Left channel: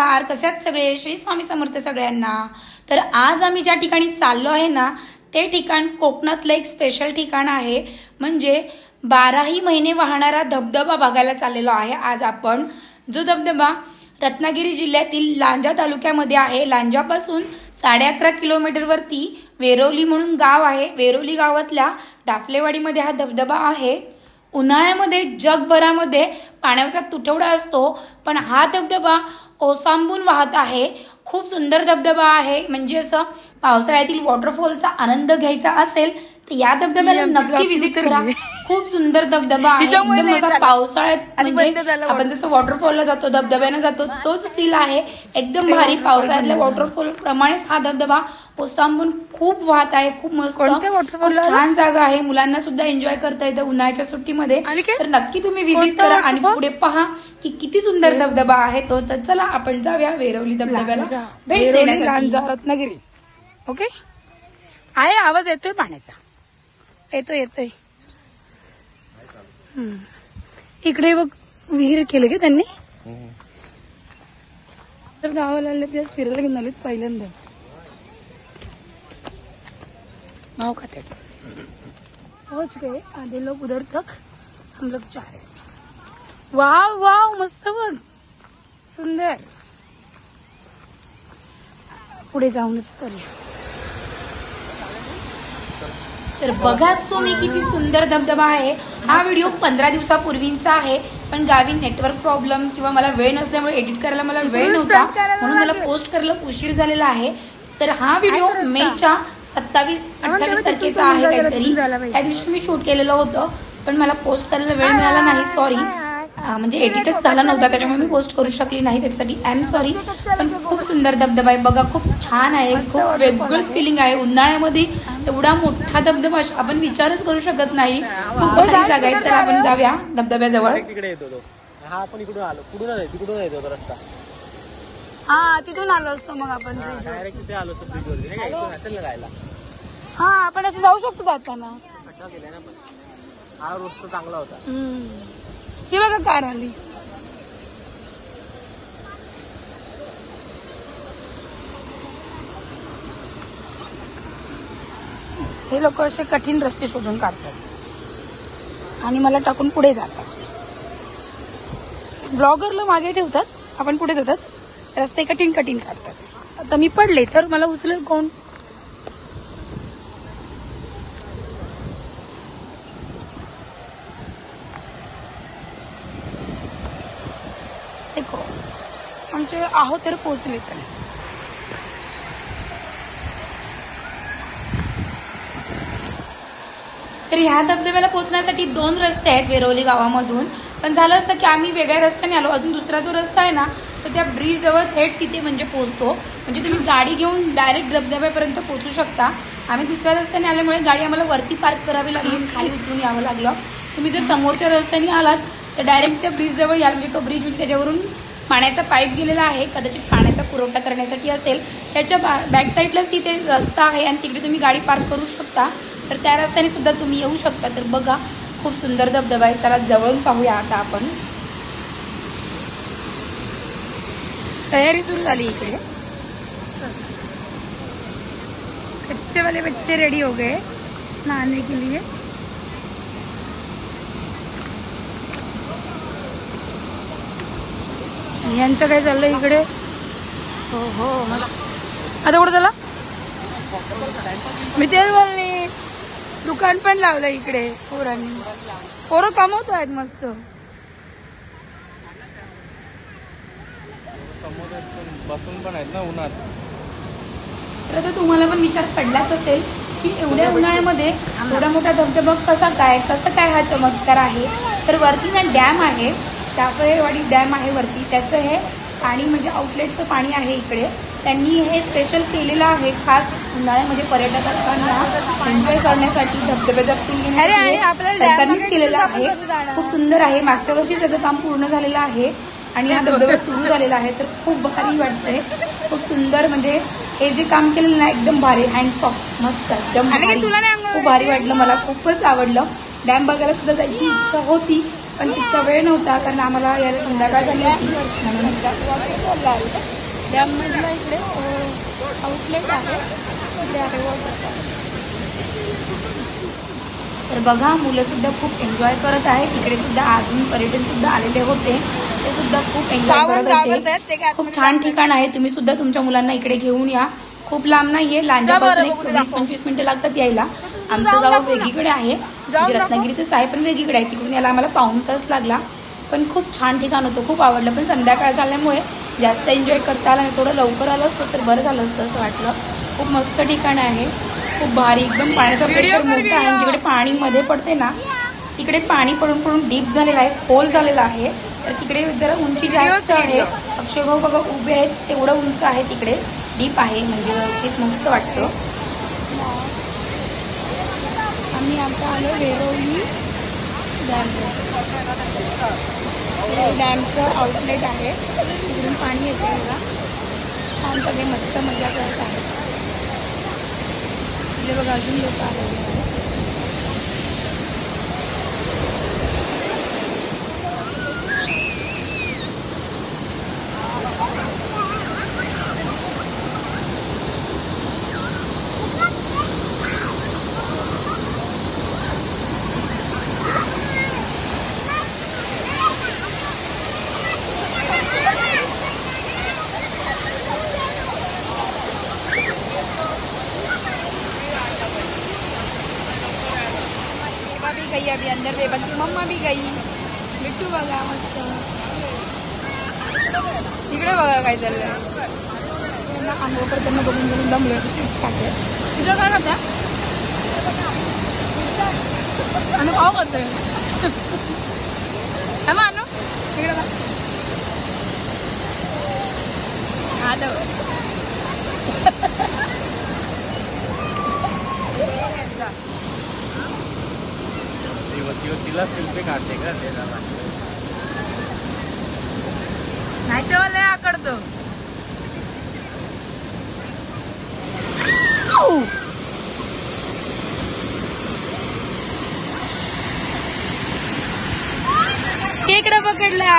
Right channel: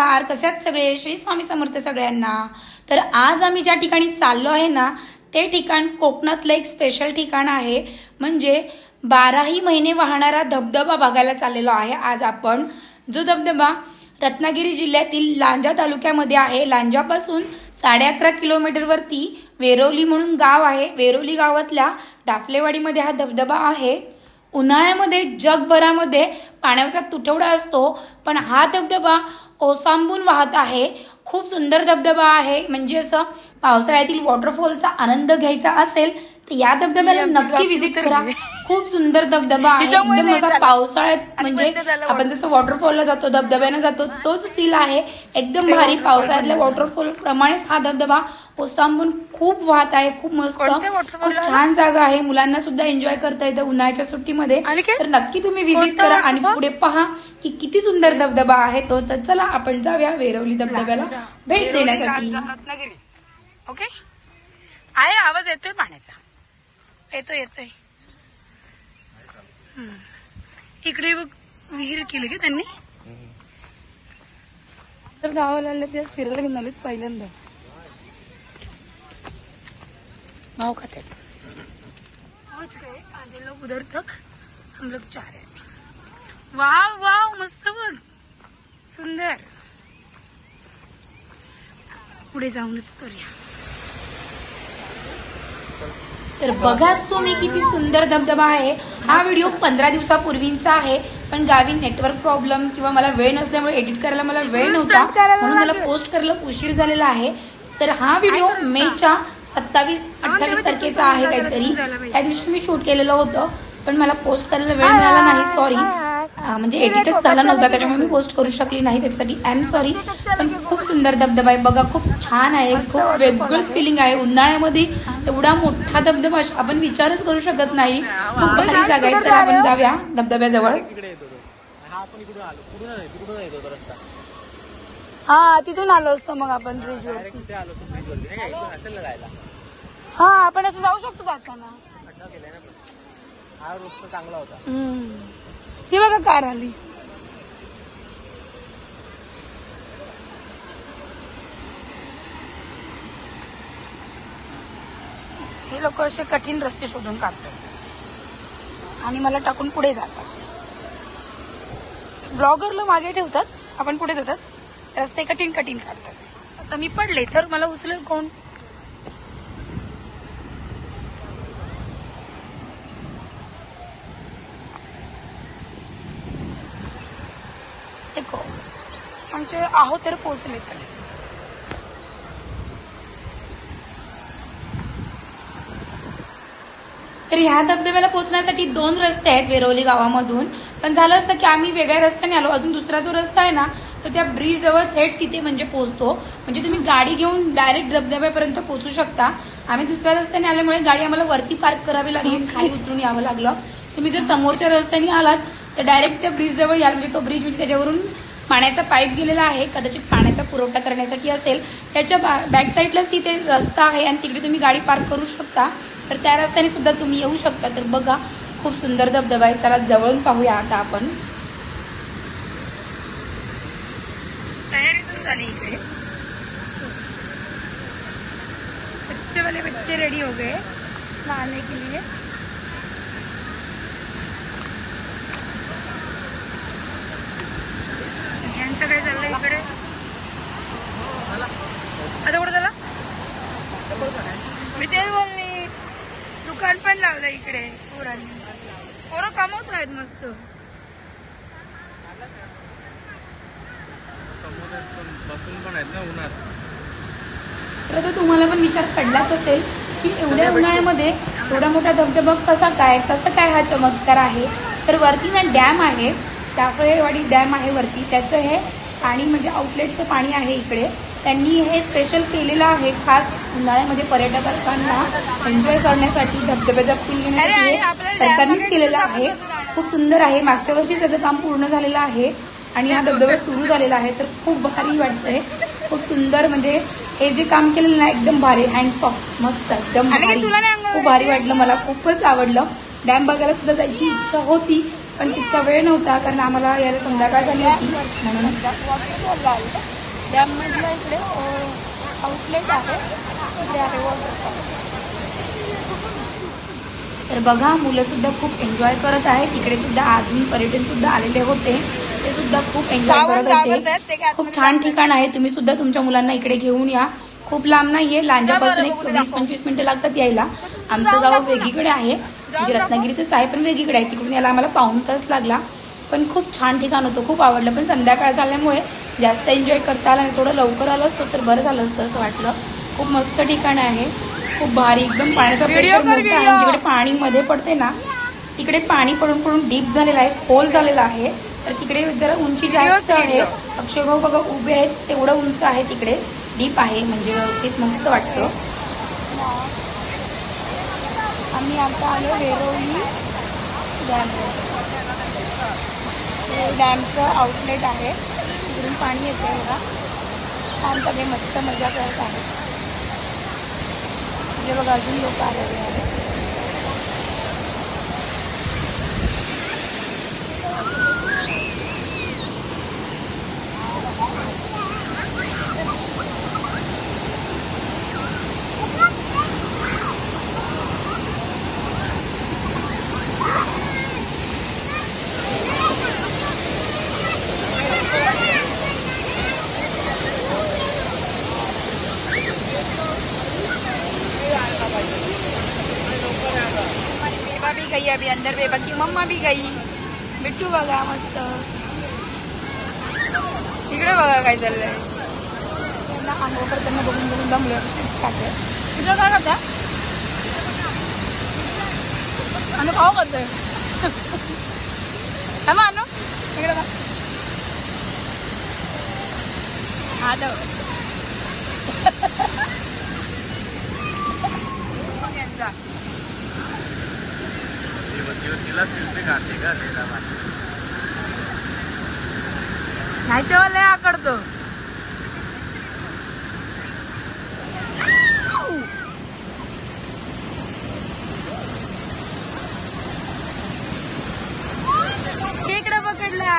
नमस्कार, कसे आहात सगळे? श्री स्वामी समर्थ सगळ्यांना. तर आज आम्ही ज्या ठिकाणी चाललो आहे ना, ते ठिकाण कोकणातलं एक स्पेशल ठिकाण आहे. म्हणजे 12ही महिने वाहणारा धबधबा बघायला चाललेलो आहे आज आपण. जो धबधबा रत्नागिरी जिल्ह्यातील लांजा तालुक्यामध्ये आहे. लांजापासून 11.5 किलोमीटरवरती वेरोली म्हणून गाव आहे. वेरोली गावातल्या डाफलेवाडीमध्ये हा धबधबा आहे. उन्हाळ्यामध्ये जगभरामध्ये पाण्याचा तुटवडा असतो, पण हा धबधबा ओसांबून वाहत आहे. खूप सुंदर धबधबा आहे. म्हणजे असं पावसाळ्यातील वॉटरफॉलचा आनंद घ्यायचा असेल तर या धबधब्याला नक्की विजिट करा. खूप सुंदर धबधबा आहे. एकदम असा पावसाळ्यात म्हणजे आपण जसं वॉटरफॉलला जातो, धबधब्याने जातो, तोच फील आहे. एकदम भारी पावसाळ्यातल्या वॉटरफॉल प्रमाणेच हा धबधबा ओसांबून खूप वाहत आहे. खूप मस्त, खूप छान जागा आहे. मुलांना सुद्धा एन्जॉय करता येतं उन्हाळ्याच्या सुट्टीमध्ये. तर नक्की तुम्ही विजिट करा आणि पुढे पहा की किती सुंदर धबधबा आहे तो. तर चला आपण जाऊया वेरोली धबधब्याला भेट देण्यासाठी. रत्नागिरी. ओके, आहे आवाज येतोय पाण्याचा, येतोय. इकडे बघ विहीर केली का त्यांनी. तर गावाला आले ते फिरायला घेऊन आले पहिल्यांदा. नाव का ते पहुंच गए आधे लोग उधर तक, हम लोग जा रहे. वाव वाव, मस्त बघ, सुंदर. पुढे जाऊनच करूया. तर बघाच तुम्ही किती सुंदर धबधबा आहे. हा व्हिडिओ 15 दिवसापूर्वींचा आहे, पण गावी नेटवर्क प्रॉब्लेम किंवा मला वेळ नसल्यामुळे एडिट करायला मला वेळ नव्हता, म्हणून मला पोस्ट करायला उशीर झालेला आहे. तर हा व्हिडिओ मेच्या 27-28 तारखेचा आहे काहीतरी. त्या दिवशी मी शूट केलेलं होतं, पण मला पोस्ट करायला वेळ मिळाला नाही. सॉरी, म्हणजे एडिटच झाला नव्हता, त्याच्यामुळे मी पोस्ट करू शकली नाही. त्याच्यासाठी आय एम सॉरी. पण खूप सुंदर धबधबा आहे बघा, खूप छान आहे. खूप वेगळंच फिलिंग आहे. उन्हाळ्यामध्ये एवढा मोठा धबधबा आपण विचारच करू शकत नाही. खूप भारी जागा आहे. चला आपण जाऊया धबधब्याजवळ. हा, तिथून आलो असतो मग आपण. हा, आपण असं जाऊ शकतो जाताना. चांगला होता. ती बघा कार आली. हे लोक असे कठीण रस्ते शोधून काढतात आणि मला टाकून पुढे जातात. ब्लॉगरला मागे ठेवतात, आपण पुढे जातात. रस्ते कठीण काढतात. आता मी पडले तर मला उचलेल कोण? देखो, आमचे आहो तर पोहोचले. पण तर ह्या धबधब्याला पोहोचण्यासाठी 2 रस्ते आहेत वेरोली गावामधून. पण झालं असतं की आम्ही वेगळ्या रस्त्याने आलो. अजून दुसरा जो रस्ता आहे ना, तो त्या ब्रिज जवळ थेट तिथे म्हणजे पोहोचतो. म्हणजे तुम्ही गाडी घेऊन डायरेक्ट धबधब्यापर्यंत पोहोचू शकता. आम्ही दुसऱ्या रस्त्याने आल्यामुळे गाडी आम्हाला वरती पार्क करावी लागली आणि खाली उतरून यावं लागलं. तुम्ही जर समोरच्या रस्त्याने आलात तर डायरेक्ट त्या ब्रिज जवळ याल. म्हणजे तो ब्रिज म्हणजे त्याच्यावरून पाण्याचा पाईप गेलेला आहे, कदाचित पाण्याचा पुरवठा करण्यासाठी असेल. त्याच्या बॅक साईडलाच तिथे रस्ता आहे आणि तिकडे तुम्ही गाडी पार्क करू शकता. तर त्या रस्त्याने सुद्धा तुम्ही येऊ शकता. तर बघा, खूप सुंदर धबधबा आहे. चला जवळून पाहूया आता आपण. तयारी सुरू झाली इकडे. बच्चे वाले बच्चे रेडी हो गए नहाने के लिए. यांचं काय चाललंय इकडे? हो मस्त. आता कुठं झाला? मी तेच बोलली, दुकान पण लावलं इकडे पोरांनी. पोरं कमवत आहेत मस्त. बसून पण आहेत ना उन्हात. तर आता तुम्हाला पण विचार पडलाच असेल की एवढ्या उन्हाळ्यामध्ये एवढा मोठा धबधबा कसं काय हा चमत्कार आहे. तर वरती ना डॅम आहे, टाफळेवाडी डॅम आहे वरती. त्याचं हे पाणी म्हणजे आउटलेटचं पाणी आहे इकडे. त्यांनी हे स्पेशल केलेलं आहे खास उन्हाळ्यामध्ये पर्यटकांना एन्जॉय करण्यासाठी, धबधब्याचा फील घेण्यासाठी सरकारनेच केलेलं आहे. खूप सुंदर आहे. मागच्या वर्षी त्याचं काम पूर्ण झालेलं आहे आणि हा धबधबा सुरू झालेला आहे. तर खूप भारी वाटतंय, खूप सुंदर. म्हणजे हे जे काम केलेलं ना एकदम भारी, हँड्स ऑफ, मस्त, एकदम भारी. खूप भारी वाटलं, मला खूपच आवडलं. डॅम बघायला सुद्धा जायची इच्छा होती, पण तितका वेळ नव्हता कारण आम्हाला यायला संध्याकाळ झाली होती म्हणून. डॅम मधलं इकडे आउटलेट आहे, इकडे आहे वॉटरफॉल. तर बघा मुलं सुद्धा खूप एन्जॉय करत आहेत. इकडे सुद्धा अजून पर्यटन सुद्धा आलेले होते, ते सुद्धा खूप एन्जॉय करत होते. खूप छान ठिकाण आहे, तुम्ही सुद्धा तुमच्या मुलांना इकडे घेऊन या. खूप लांब नाहीये, लांजापासून एक 20-25 मिनिटं लागतात यायला. आमचं गाव वेगळीकडे आहे, म्हणजे रत्नागिरीतच आहे पण वेगळीकडे आहे. तिकडून यायला आम्हाला पाऊण तास लागला. पण खूप छान ठिकाण होतं, खूप आवडलं. पण संध्याकाळ झाल्यामुळे जास्त एन्जॉय करता आला नाही. थोडं लवकर आलं असतं तर बरं झालं असतं असं वाटलं. खूप मस्त ठिकाण आहे, खूप भारी. एकदम पाण्याचा प्रेशर मोठा आहे. जिकडे पाणी मध्ये पडते ना तिकडे पाणी पडून पडून डीप झालेला आहे, खोल झालेला आहे. तर तिकडे जरा उंची जास्त आहे. अक्षय भाऊ बघा उभे आहेत, तेवढं उंच आहे तिकडे, डीप आहे, म्हणजे व्यवस्थित मस्त वाटतं. आम्ही आता आलो वेरोळी डॅमवर. डॅमचं आउटलेट आहे, तिकडून पाणी येते बघा. छान सगळे मस्त मजा करत आहेत. इकडे बघा अजून लोक आलेले आहेत. भी गई अभी अंदर, बेबा की मम्मा भी गई. बिट्टू बघा मस्त. इकडे बघा काय चाललंय. त्यांना आंघोळ करताना बघून बघून दमलं. तुझं काय करता अनु? खाऊ करतोय अनु इकडे बघा. हा तिला सेल्फी काढते का नाही तेव्हा लय आकडतो. खेकडा पकडला.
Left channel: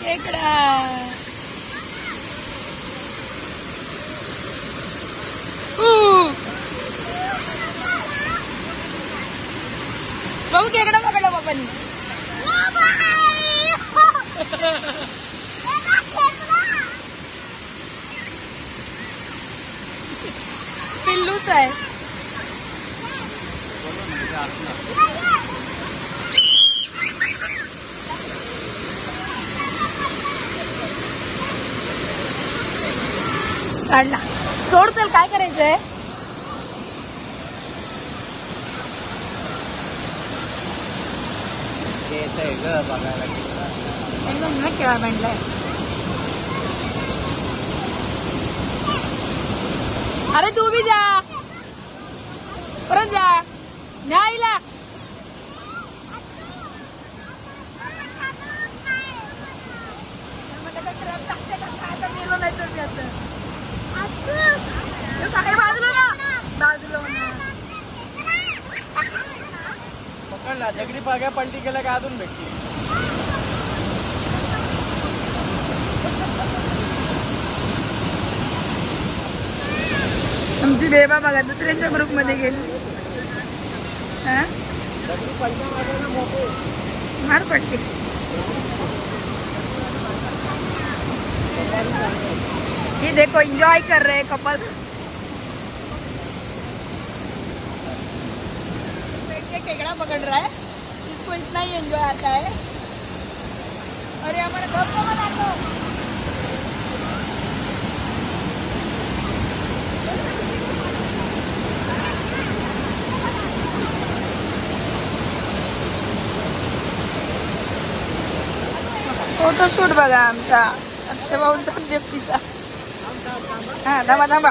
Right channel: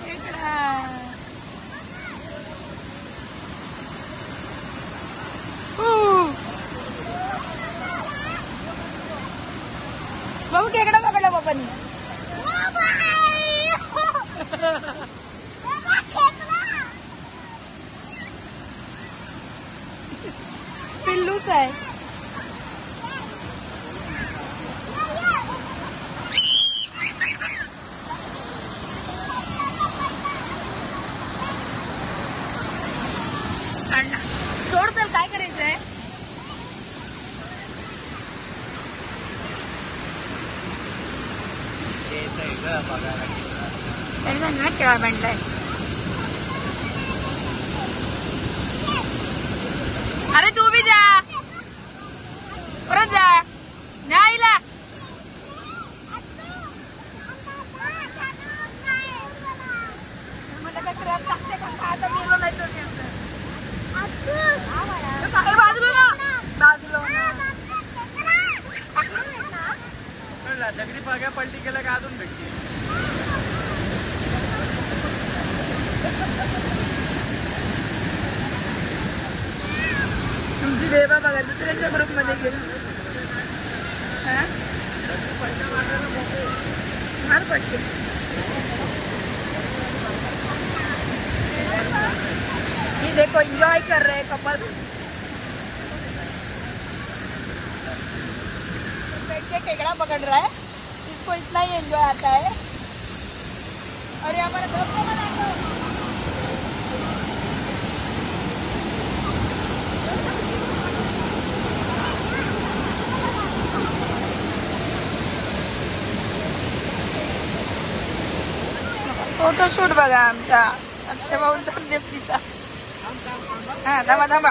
खेकडा बाबू, खेकडा पकडला बाबांनी. पिल्लूच आहे. काढला. सोड, चल काय करायचंय. केव्हा बनलाय. अरे तू भी जा, परत जा. नाही ला बाजूला दगडी पाग्या पलटी केल्या का अजून भेटते. आमची देवा बघा दुसऱ्याच्या ग्रुप मध्ये गेली. मार पडते. ये देखो एंजॉय कर रहे कपल. केकड़ा पकड़ रहा है, इसको इतना ही एंजॉय आता है. अरे हमारा घर को बना दो. फोटोशूट बघा आमच्या आत्या भाऊंचा देवतीचा. हा थांबा थांबा.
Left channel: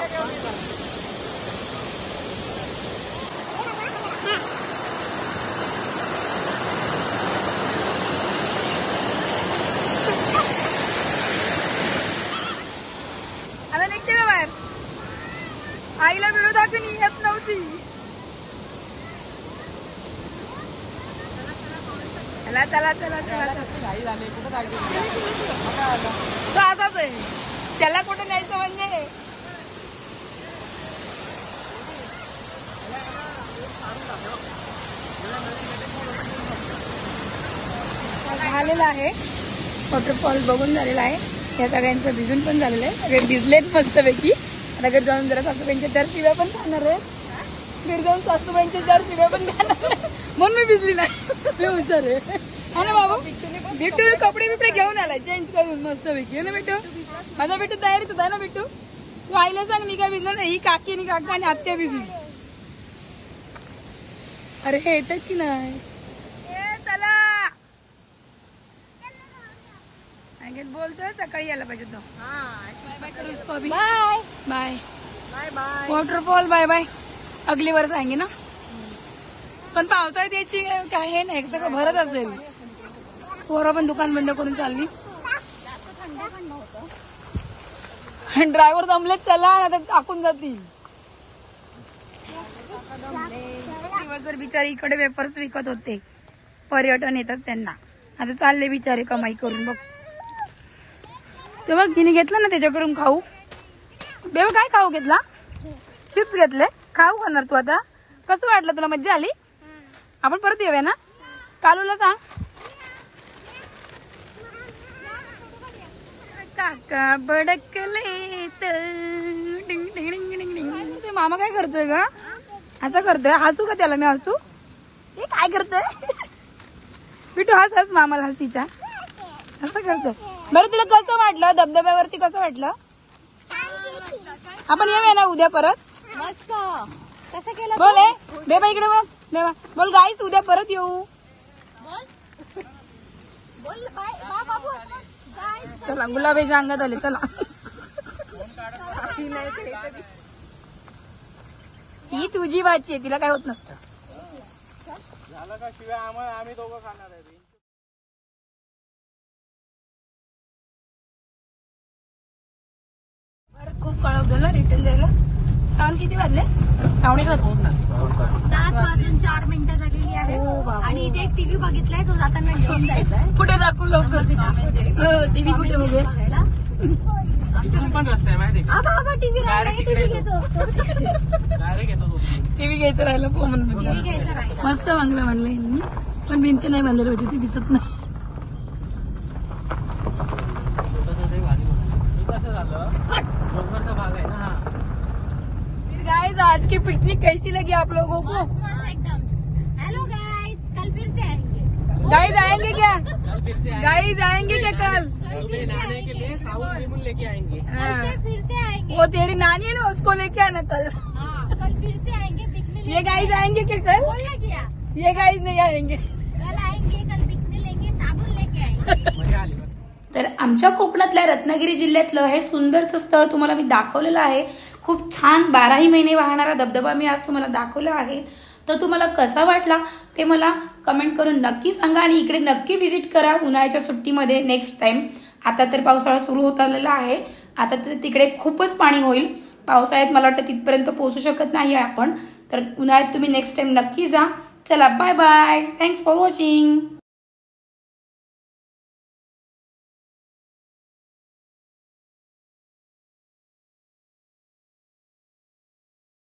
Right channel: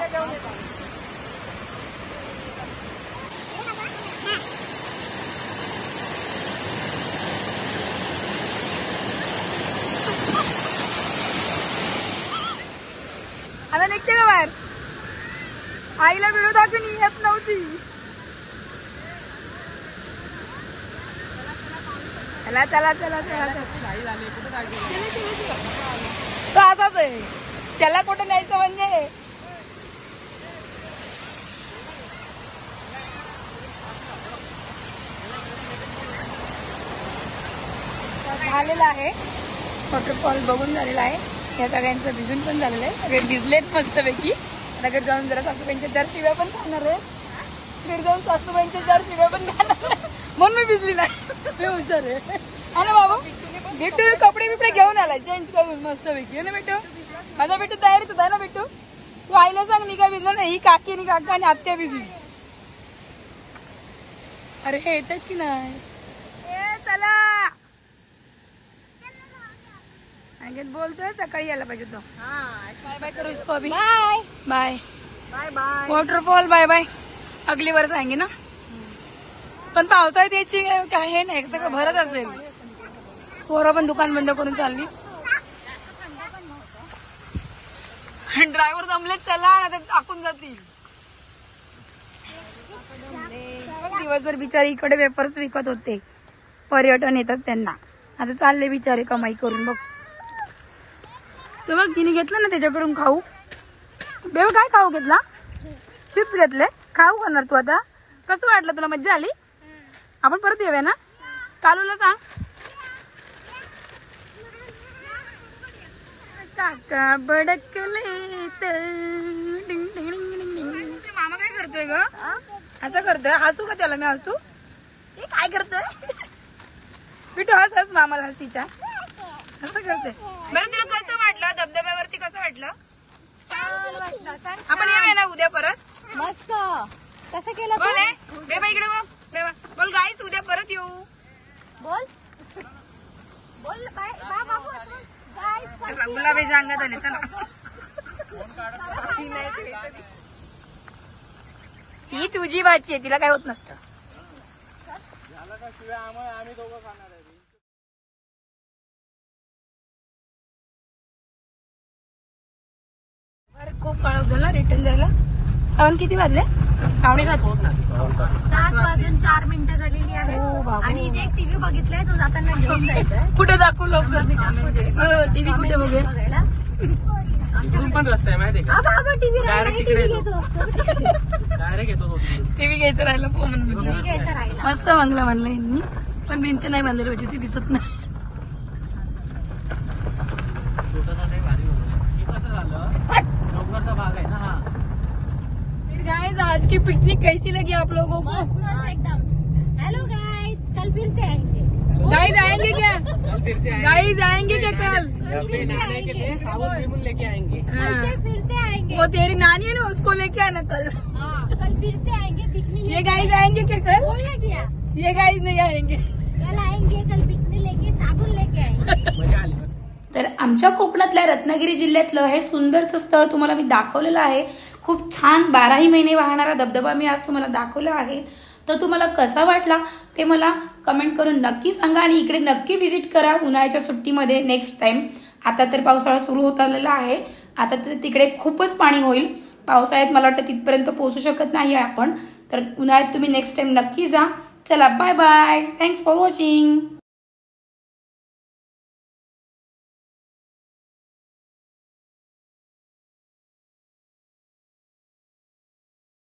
आता निघते का बाहेर. आईला व्हिडिओ दाखवून येत नव्हती. चला चला चला चला तो असाच आहे, त्याला कुठं न्यायचं म्हणजे. झालेला आहे वॉटरफॉल बघून झालेला आहे. या सगळ्यांचं भिजून पण झालेलं आहे, सगळे भिजलेत मस्तपैकी. आता घरी जाऊन जरा सासूबाईंच्या 4 शिव्या पण खाणार आहे. घरी जाऊन सासूबाईंच्या 4 शिव्या पण खाणार आहे, म्हणून मी भिजली नाही. मी हुशार आहे हा ना बाबू. बिट्टू कपडे बिपडे घेऊन आलाय चेंज करून मस्तपैकी. ना बिट्टू, माझा बिट्टू तयारीच होता ना बिट्टू. तू आईला सांग मी काय भिजलो नाही, ही काकी आणि काका आणि आत्या भिजली. अरे हे येतात की नाही. चला बोलतोय सकाळी यायला पाहिजे तो. बाय बाय करू इसको अभी. Bye bye waterfall bye bye. अगली वर्ष आएंगे ना. पण पावसाळ्यात यायची काय हे नाही, सगळं भरत असेल. पोरं पण दुकान बंद करून चालली. ड्रायव्हर जमलेच चला आता टाकून जातील. दिवसभर बिचारी इकडे वेपर्स विकत होते, पर्यटन येतात त्यांना. आता चालले बिचारे कमाई करून. बघ ते बघ तिने घेतलं ना त्याच्याकडून खाऊ. बेबा काय खाऊ घेतला? चिप्स घेतले. खाऊ खाणार तू आता? कसं वाटलं तुला? मज्जा आली? आपण परत येऊया ना. कालूला सांग. काका बडकले ते मामा काय करतोय ग? असं करतोय. हसू का त्याला मी? हसू हे काय करतोय? बिटू हस हस मामाला हस तिच्या. असं करतोय. बरं तुला कसं वाटलं धबधब्यावरती? कसं वाटलं? आपण येऊया ना उद्या परत. कसं केलं बोल आहे बेबा इकडे बघ. बेबा बोल गाईस उद्या परत येऊ. बोल बोल चला गुलाबाईच्या अंगात आले. चला ही तुझी भाची आहे, तिला काय होत नसतं. आम्ही दोघं खाणार आहे. खूप काळ झाला रिटर्न जायला. कारण किती वाजले? 7:45. 7:04 झालेली आहे. हो बाबा. आणि इथे एक टीव्ही बघितलाय, तो जाताना घेऊन जायचा. कुठे दाखवू लवकर? टीव्ही कुठे बघूया? पण रस्ता आहे माहिती आहे का? टीव्ही डायरेक्ट येतो. टीव्ही घ्यायचं राहिलं पो म्हणून. मस्त बांगला बांधला यांनी, पण भिंत नाही बांधायला पाहिजे, ती दिसत नाही. गाइस आज की पिकनिक कैसी लगी आप लोगों को? हेलो गाइस, कल फिर से आएंगे। गाइस आएंगे क्या? कल फिर से गाइस आएंगे क्या कल? नहाने के लिए साबुन नींबू लेके आएंगे। फिर से आएंगे। वो तेरी नानी है ना, उसको लेके आना कल। कल फिर से आएंगे पिकनिक। ये गाइस आएंगे क्या कल? बोलना क्या? ये गाइस नहीं आएंगे. कल आएंगे, कल पिकनिक लेके साबुन लेके आएंगे। मजा आली. तर आमच्या कोकणातल्या रत्नागिरी जिल्ह्यातलं हे सुंदरचं स्थळ तुम्हाला मी दाखवलेलं आहे. खूप छान 12ही महिने वाहणारा धबधबा मी आज तुम्हाला दाखवला आहे. तर तुम्हाला कसा वाटला ते मला कमेंट करून नक्की सांगा. आणि इकडे नक्की व्हिजिट करा उन्हाळ्याच्या सुट्टीमध्ये नेक्स्ट टाइम. आता तर पावसाळा सुरू होत आलेला आहे. आता तर तिकडे खूपच पाणी होईल. पावसाळ्यात मला वाटतं तिथपर्यंत पोहोचू शकत नाही आपण. तर उन्हाळ्यात तुम्ही नेक्स्ट टाइम नक्की जा. चला bye bye. Thanks for watching.